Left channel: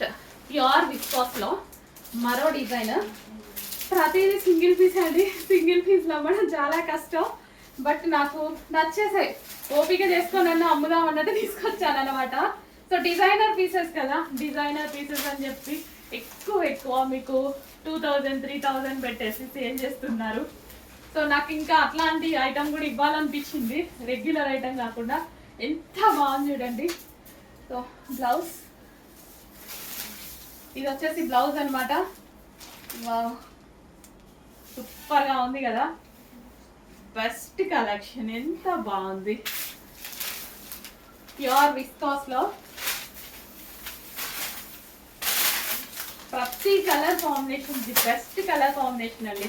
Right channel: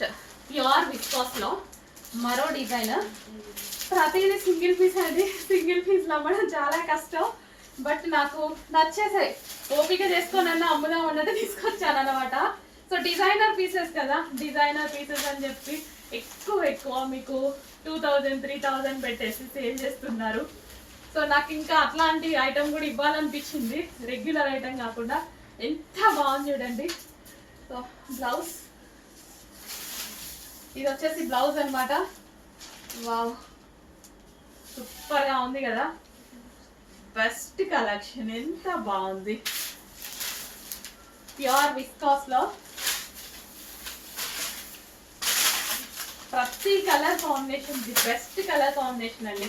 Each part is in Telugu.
నెక్స్ట్ ప్యూర్ విస్కాస్లో మరో డిజైన్ ప్రతిదీ సింగిల్ పీస్ అండి. సింగిల్ పీస్లో అమ్మడం చాలా కష్టం. బట్ నాకు నచ్చేసాయి. ఓపిక చేసుకొని అమ్ముదాం అన్నట్టు తీసుకొచ్చాను అనమాట సో డిజైనర్ పీసెస్ కదా. డిజైనర్ పీసెస్ అని చెప్పి ఎక్కువ ఎక్కువ మీకు టూ థౌజండ్ త్రీ థౌజండ్ పెట్టేసి సేల్ చేస్తున్నారు. సో నాకు ఇంకా అట్లాంటి ఐటమ్ కూడా ఇవ్వాలనిపించింది. రెగ్యులర్ ఐటమ్ కాకుండా ఎంత బాగుంది చూడండి. సో బ్లౌజ్ ఇది వచ్చేసి బ్లౌజ్ అన్నమాట. వావ్. సూపర్గా ఉంది కదా? Best collection. ఎంత బాగుంది. ప్యూర్ విస్కాస్లో ప్రతి colour combination the best colour combination అండి.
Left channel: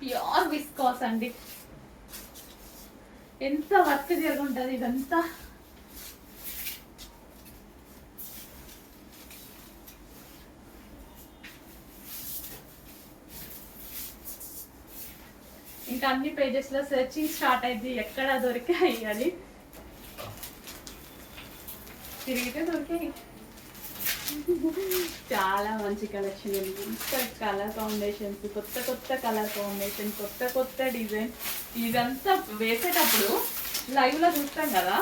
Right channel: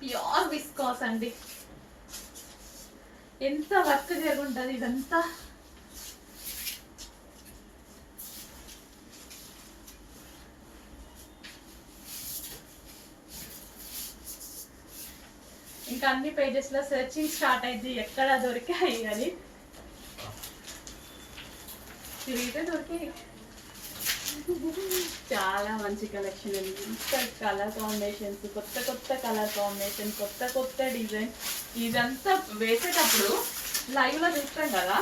ప్యూర్ విస్కాస్ అండి. ఎంత వర్క్ జరుగుంటుంది ఇదంతా. ఇంకా అన్ని పేజెస్లో సెర్చింగ్ స్టార్ట్ అయింది. ఎక్కడ దొరికాయి అది తిరిగితే దొరికాయి. చాలా మంచి కలెక్షన్ ఉంది ఇంత కలర్ కాంబినేషన్స్ కొత్త కొత్త కలర్ కాంబినేషన్ కొత్త కొత్త డిజైన్ ఇదంతా వేసేటప్పుడు లైవ్లో చూస్తాం కదా.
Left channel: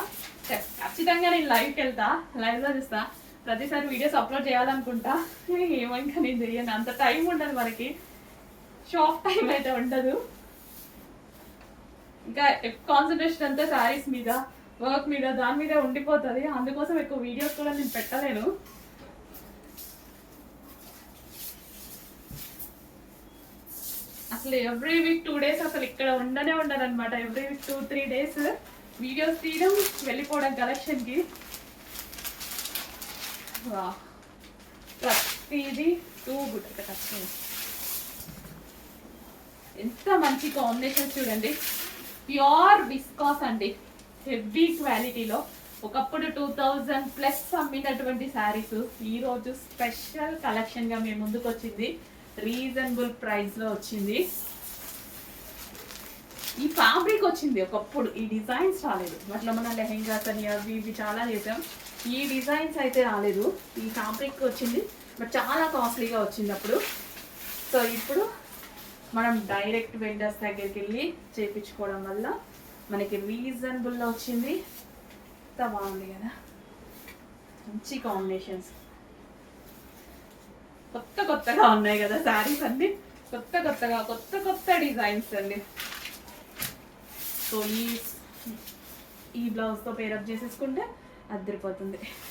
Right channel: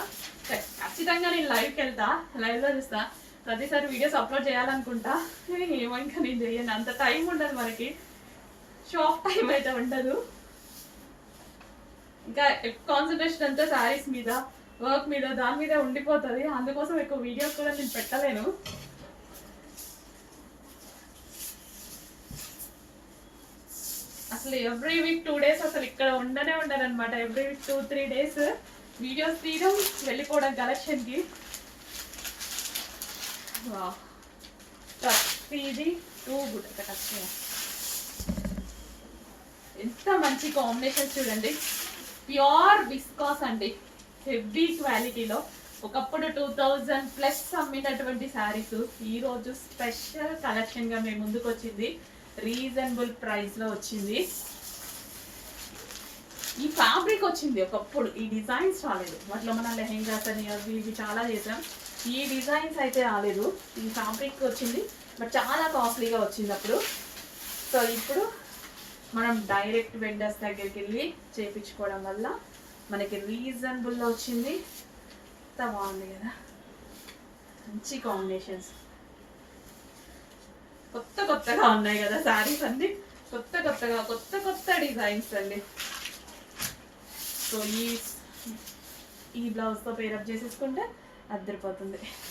ఖచ్చితంగా నేను లైవ్కి వెళ్తా. లైవ్లో చూస్తా. ప్రతిసారి వీడియోస్ అప్లోడ్ చేయాలనుకుంటా. ఏమో నేను చేయను. అంత టైం ఉండదు మనకి. షాప్ టైం అయితే ఉండదు. ఇంకా కాన్సన్ట్రేషన్ అంతా శారీస్ మీద వర్క్ మీద దాని మీద ఉండిపోతుంది. అందుకోసం ఎక్కువ వీడియోస్ కూడా నేను పెట్టలేను. అసలు ఎవ్రీ వీక్ టూ డేస్ అసలు ఇక్కడ ఉండనే ఉండరు every week two three days videos తీయడం వెళ్ళిపోవడం కలెక్షన్కి వా ప్రతిదీ టూ గుడ్. కష్టం ఎంత మంచి కాంబినేషన్స్ చూడండి. ప్యూర్ విస్కాస్ అండి. హెవీ క్వాలిటీలో. ఒకప్పుడు టూ థౌజండ్ ప్లస్ అమ్మినటువంటి శారీస్ ఈరోజు స్పెషల్ కలెక్షన్గా మేము ముందుకు వచ్చింది. రీజనబుల్ ప్రైస్లో వచ్చింది. ఈ ఫ్యాబ్రిక్ వచ్చింది ఒకప్పుడు. ఈ డిజైన్స్ రాలేదు. అట్లా మన లెహెంగాస్ అని అవి ఇవి చాలా చేసాం ఈ డిజైన్స్ అయితే రాలేదు. ఈ ఫ్యాబ్రిక్ వచ్చింది. బట్ చాలా కాస్ట్లీగా వచ్చింది అప్పుడు. సో ఇప్పుడు మనం డైరెక్ట్ వెండర్స్ దగ్గరికి వెళ్ళి చేయించుకోవడం వల్ల మనకి రీజనబుల్లో వచ్చింది. ఎంత బాగుంది కదా? మంచి కాంబినేషన్స్ కొత్త కొత్తగా ఉన్నాయి కదా శారీస్ అన్ని. కొత్త కొత్తగా కొత్త కొత్త డిజైన్స్ అండి. సో ఈ ఈ బ్లౌజ్తో పేరప్ చేసేసుకుంటే అద్దరిపోతుంది.